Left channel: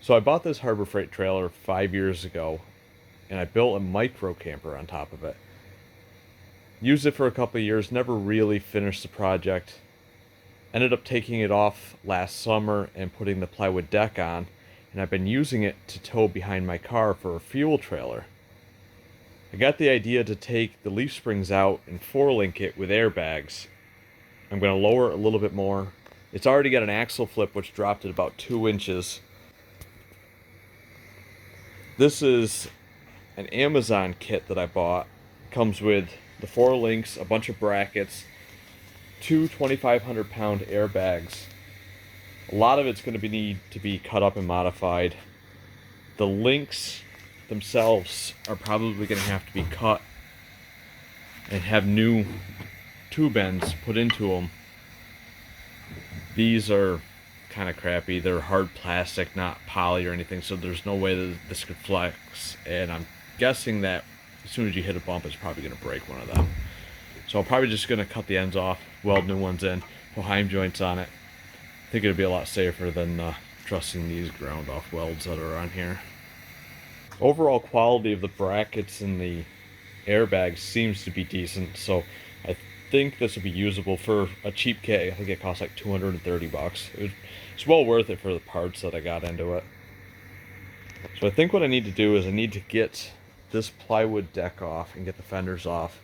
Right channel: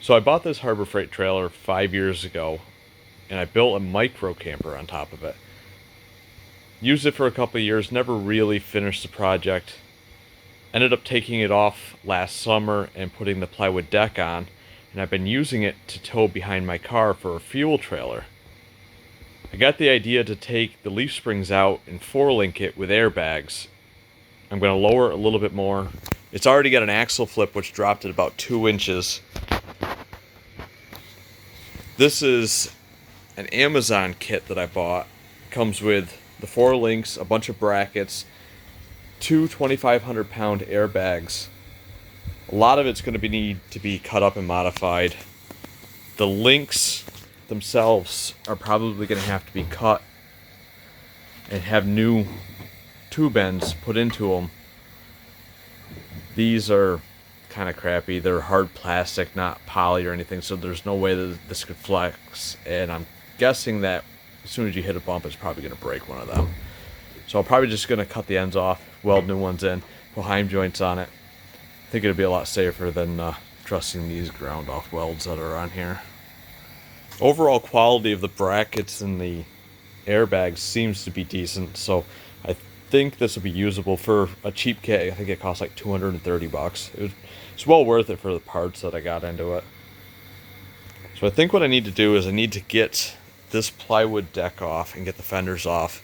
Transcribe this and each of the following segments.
So I bought this Harbor Freight trailer 5 years ago, and I built a micro camper on top of it. Used it for a couple of years, never really finished the project. Ended up taking it off last summer and putting the plywood deck on, and I've been using it to tow behind my car for a fuel trailer. I got the idea to take the leaf springs out and 4-link it with airbags. I'm going to lower it a little bit more. It's already got an axle flip which dropped it about 2 inches. This is an Amazon kit that I bought. Comes with the 4 links, a bunch of brackets, 2 2,500-pound airbags. A lot of it's going to need to be cut up and modified. The links themselves are probably going to have to be cut and have new tube ends put into them. These are kind of crappy. They're hard plastic, not poly or anything, so there's no way that this could flex, and I'm guessing that as soon as you hit a bump it's probably going to break one of them. So I'm probably just going to cut the ends off, weld new ones in, put heim joints on it. I think it'd be a lot safer than trusting these ground off welds that are on here. Overall quality of the brackets and the airbags seems to be decent, so I think this will be usable for a cheap kit. I think it costs like 230 bucks. It's well worth it for the parts that I got into it. So I think what I need to do is I need to get this plywood deck off and get the fenders off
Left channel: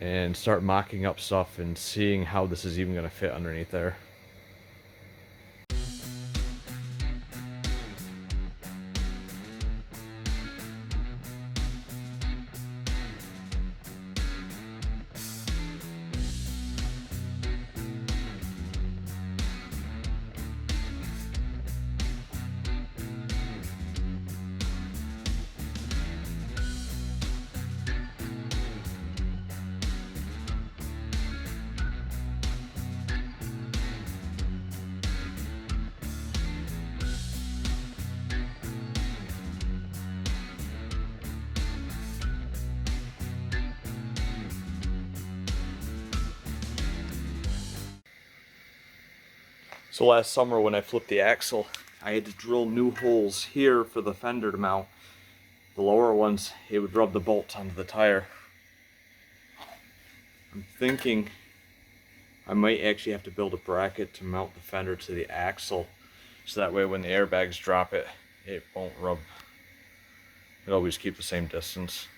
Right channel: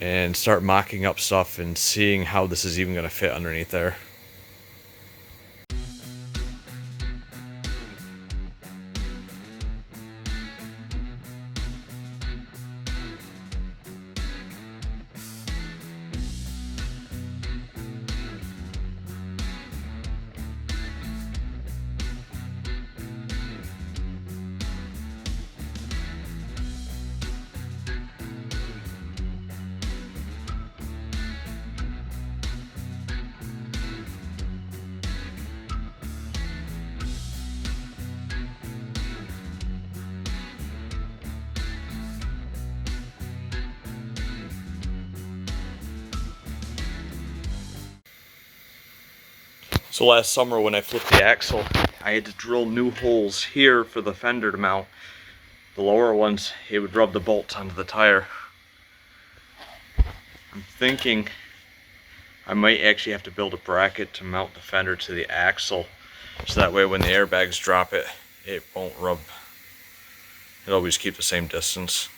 and start mocking up stuff and seeing how this is even going to fit underneath there. So last summer when I flipped the axle, I had to drill new holes here for the fender to mount. The lower ones, it would rub the bolts onto the tire. I'm thinking I might actually have to build a bracket to mount the fender to the axle, so that way when the airbags drop it, it won't rub. It'll always keep the same distance.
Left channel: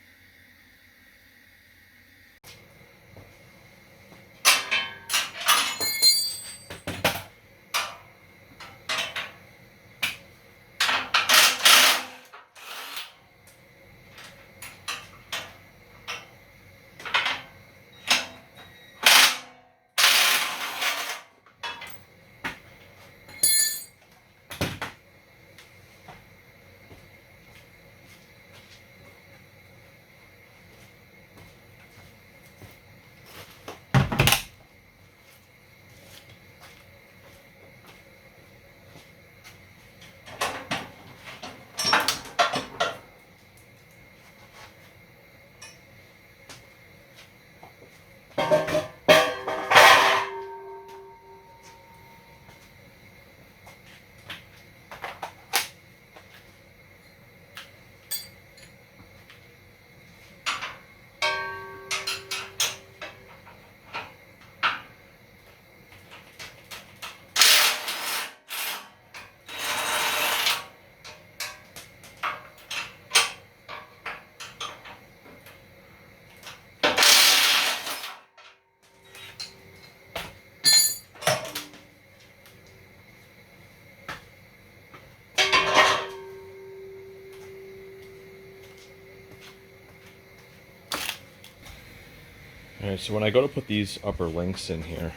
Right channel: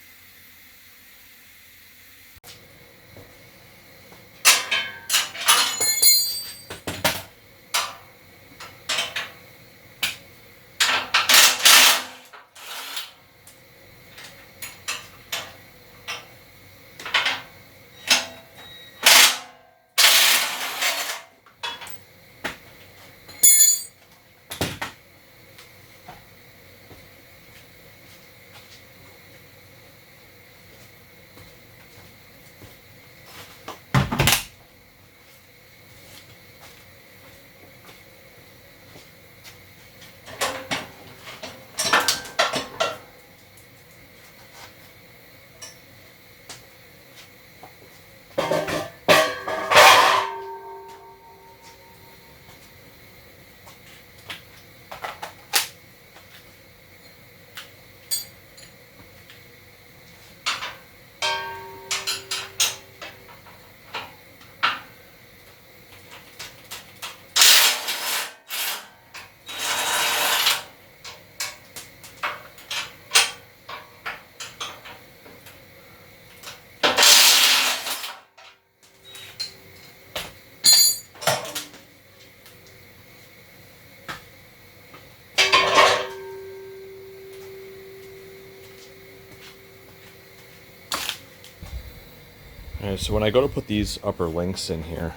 Alright, so when I go to put these upper links in here,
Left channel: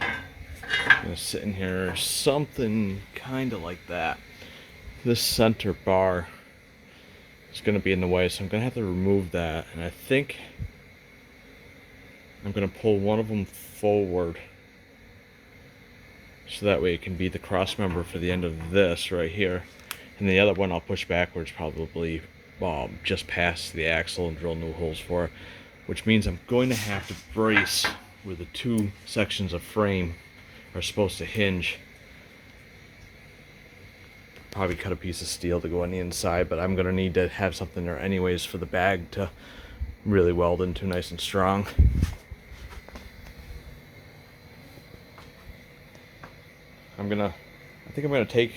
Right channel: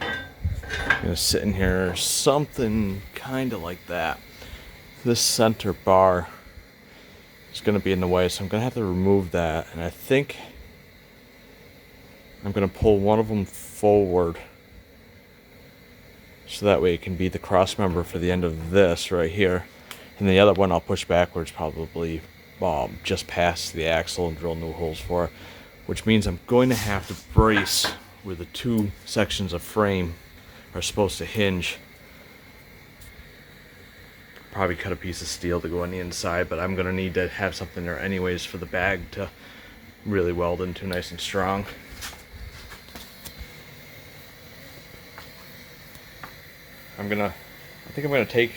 I'm going to sit in here something kind of like that. This center bar is going to be in the way, so I'm going to have to remove that, and I think I'm going to pull one of them forward so that way it can be the cross member for the end of this right here, and the other one I'll push backwards probably just past the axle and drill new holes for it, which means I'm going to have to brace where the two sections of frame are supposed to hinge. probably cut a piece of steel to go on the inside, but I'm gonna need to have something there anyways for the bag to really weld into nice and strong. I think I'm gonna take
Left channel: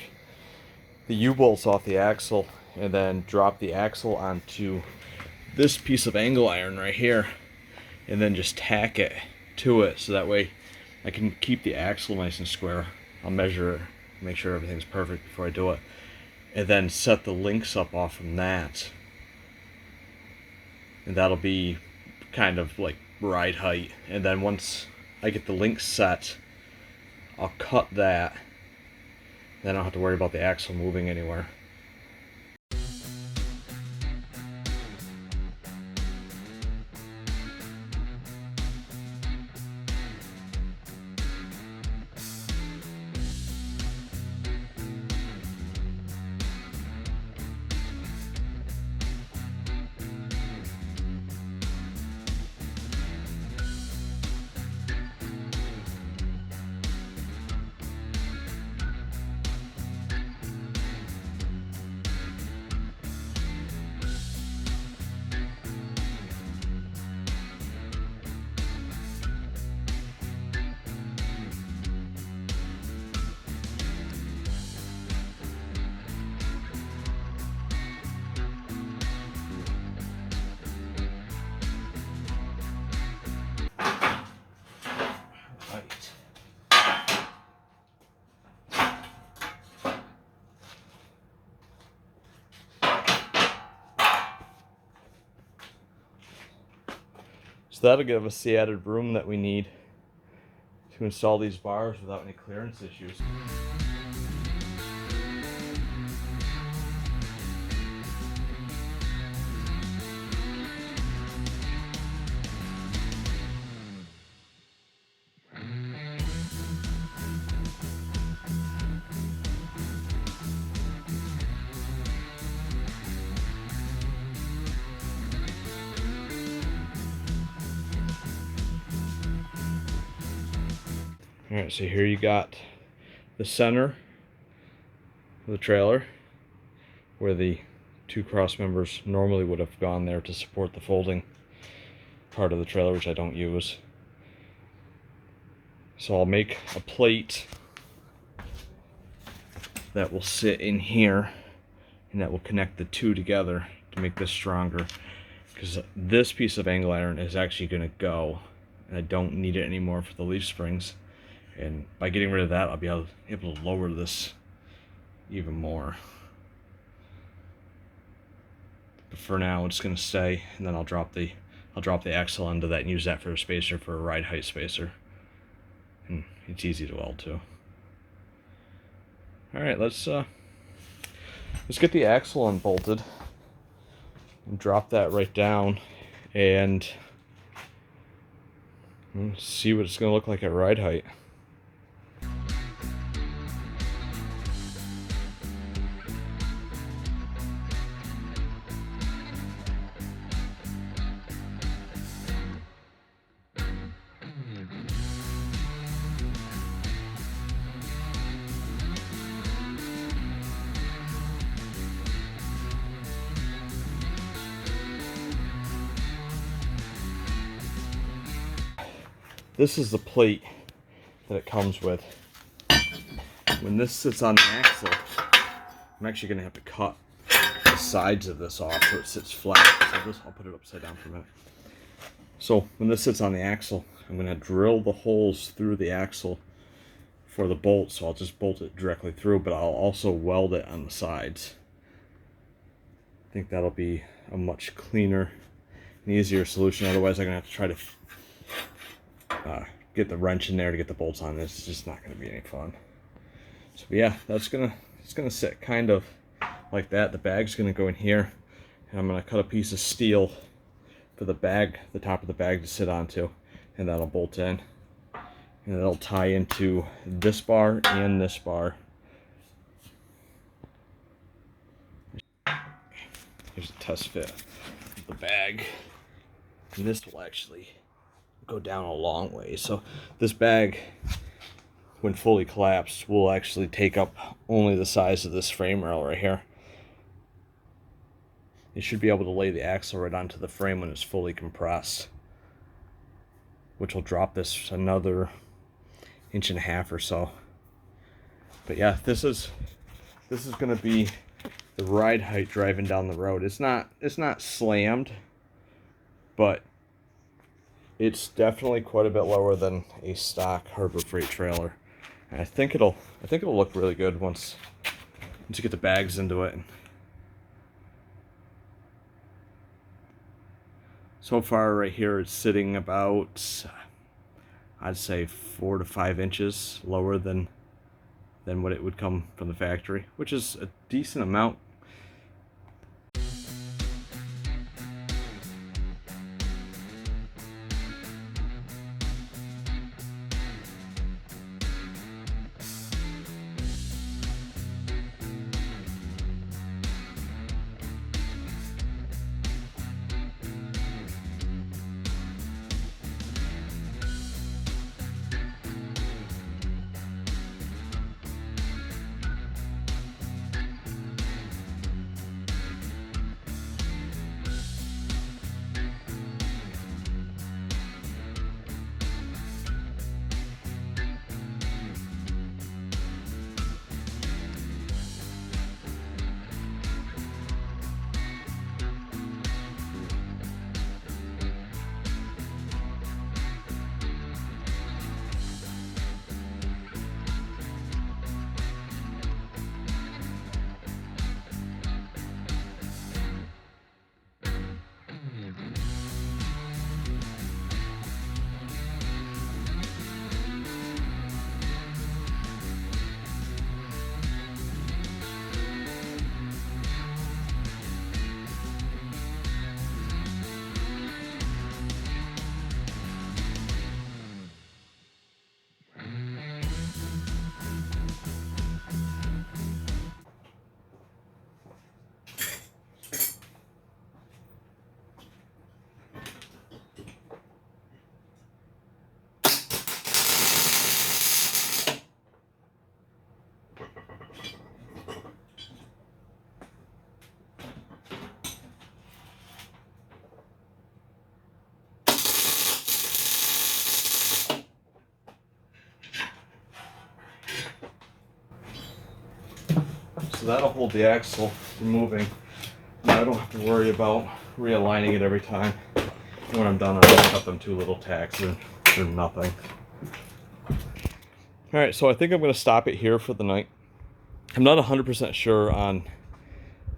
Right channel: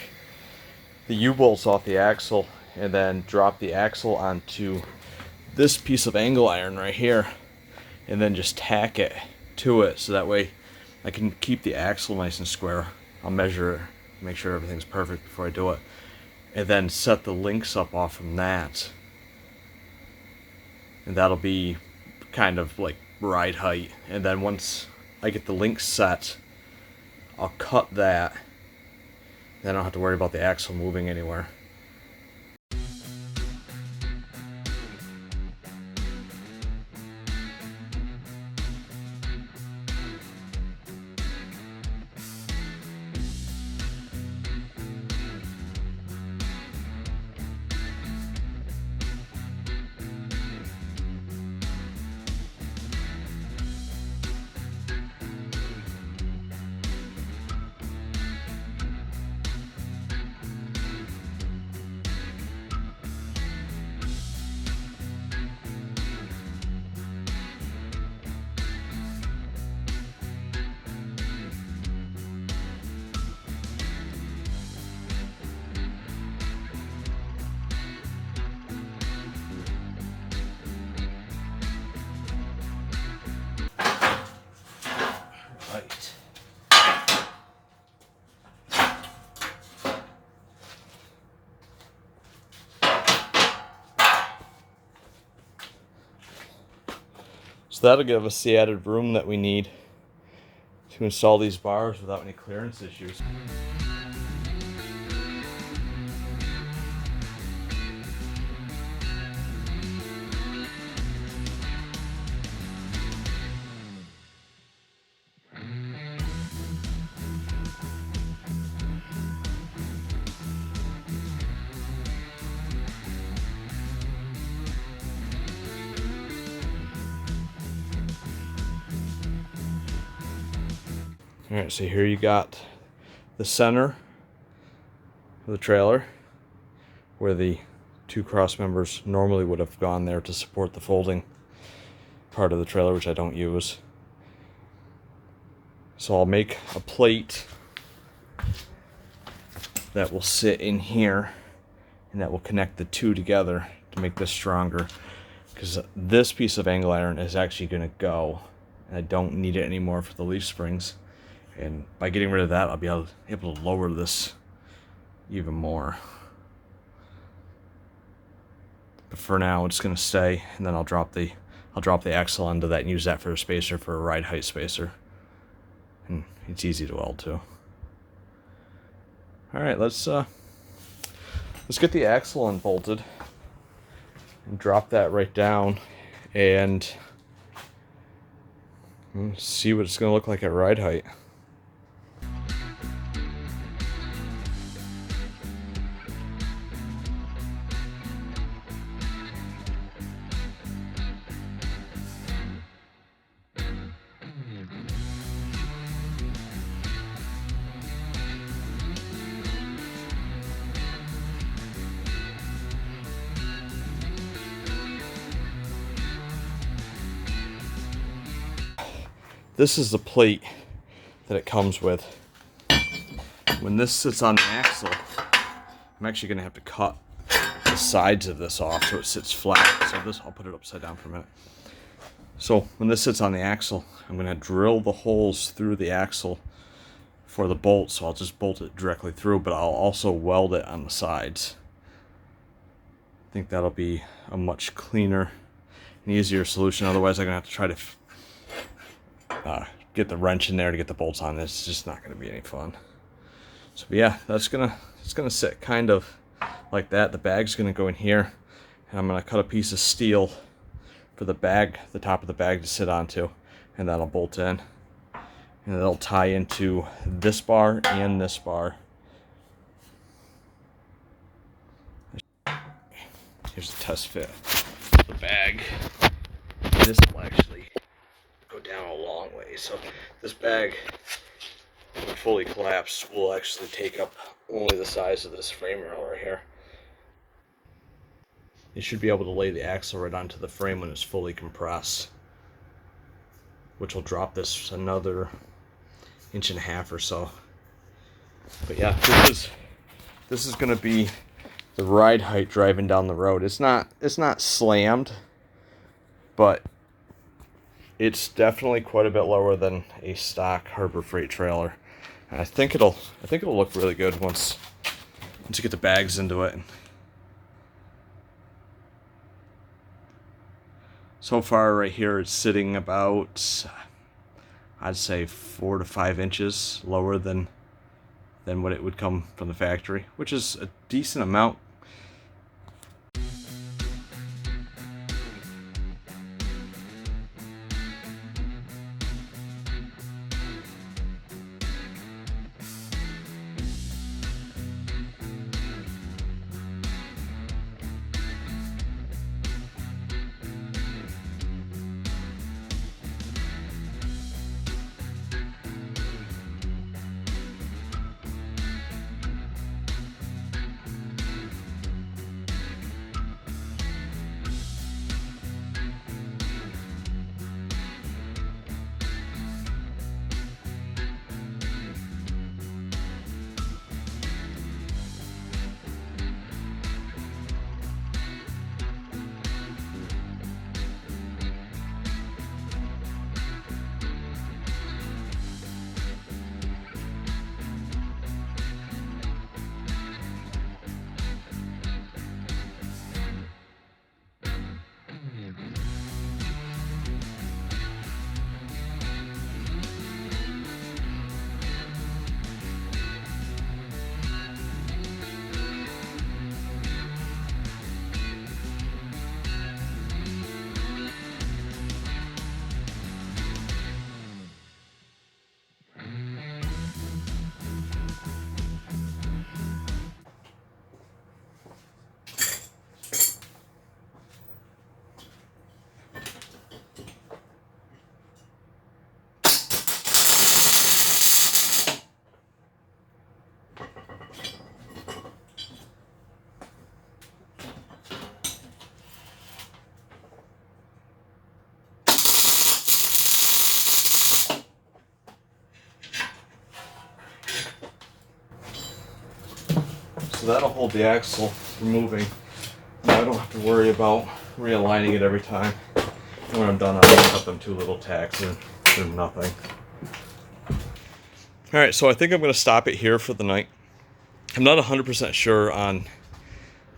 the U-bolts off the axle and then drop the axle onto this piece of angle iron right here and then just tack it to it, so that way I can keep the axle nice and square. I'll measure it, make sure everything's perfect before I do it, and then set the links up off from that, and that'll be kind of like ride height. And then once I get the links set, I'll cut that, then I don't have to worry about the axle moving anywhere. So that'll give us the added room that we need to install these bars without any clearance issues. Alright, so here you got the center of the trailer where the two cross members normally would have gone there to support the folding part of the trailer, which I don't use. So I'll make a plate that will sit in here and that will connect the two together to make this stronger, because this piece of angle iron is actually going to go and I don't need it anymore for the leaf springs. And by getting rid of that, I'll be able to lower this even more. But for now, it's going to stay, and then I'll drop the axle onto that and use that for a spacer, for a ride height spacer. And it's easy to weld too. All right, let's get the axle unbolted and drop that right down, and see what it's going to look like at ride height. This is the plate that it comes with. When this sits on the axle, I'm actually going to have to cut the sides of this off so it sits flat. So this, I'll put it upside down for a minute. So when this sits on the axle, I'm going to drill the holes through the axle for the bolt. So I'll just bolt it directly through, but I'll also weld it on the sides. I think that'll be a much cleaner and easier solution. Otherwise, I'm going to have to try to get the wrench in there to get the bolts on. It's just not going to be any fun. So yeah, it's gonna sit kind of like that. The bag's going to go in here, and I'm going to cut a piece of steel for the bag, the top of the bag to sit onto, and that'll bolt in, and it'll tie into this bar and this bar. Here's a test fit of the bag. This will actually go down a long way. So this bag when fully collapsed, will actually take up only the size of this frame rail right here. You should be able to lay the axle right onto the frame when it's fully compressed, which will drop this another 1.5 inches or so. But yeah, this is going to be the ride height driving down the road. It's not slammed, but it's definitely quite a bit lower than a stock Harbor Freight trailer. And I think it'll look really good once you get the bags into it. So far right here it's sitting about, I'd say 4 to 5 inches lower than what it would come from the factory, which is a decent amount. So that'll hold the axle from moving. Now I don't have to worry about realigning it every time. When I'm done, I'll cut them 2 little tacks and do nothing. Alright, so I think I'm going to stop it here for the night. I'm not 100% sure on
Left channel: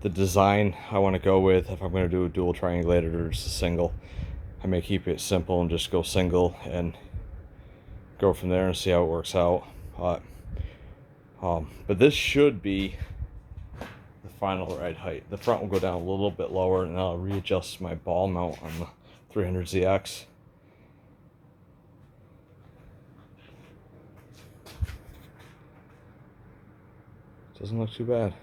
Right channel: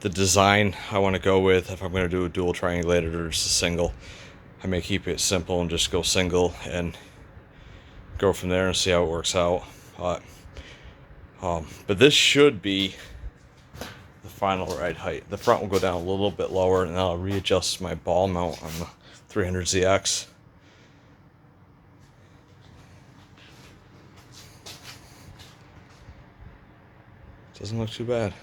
the design I want to go with, if I'm going to do a dual triangulated or just a single. I may keep it simple and just go single and go from there and see how it works out. But this should be the final ride height. The front will go down a little bit lower, and I'll readjust my ball mount on the 300ZX. Doesn't look too bad.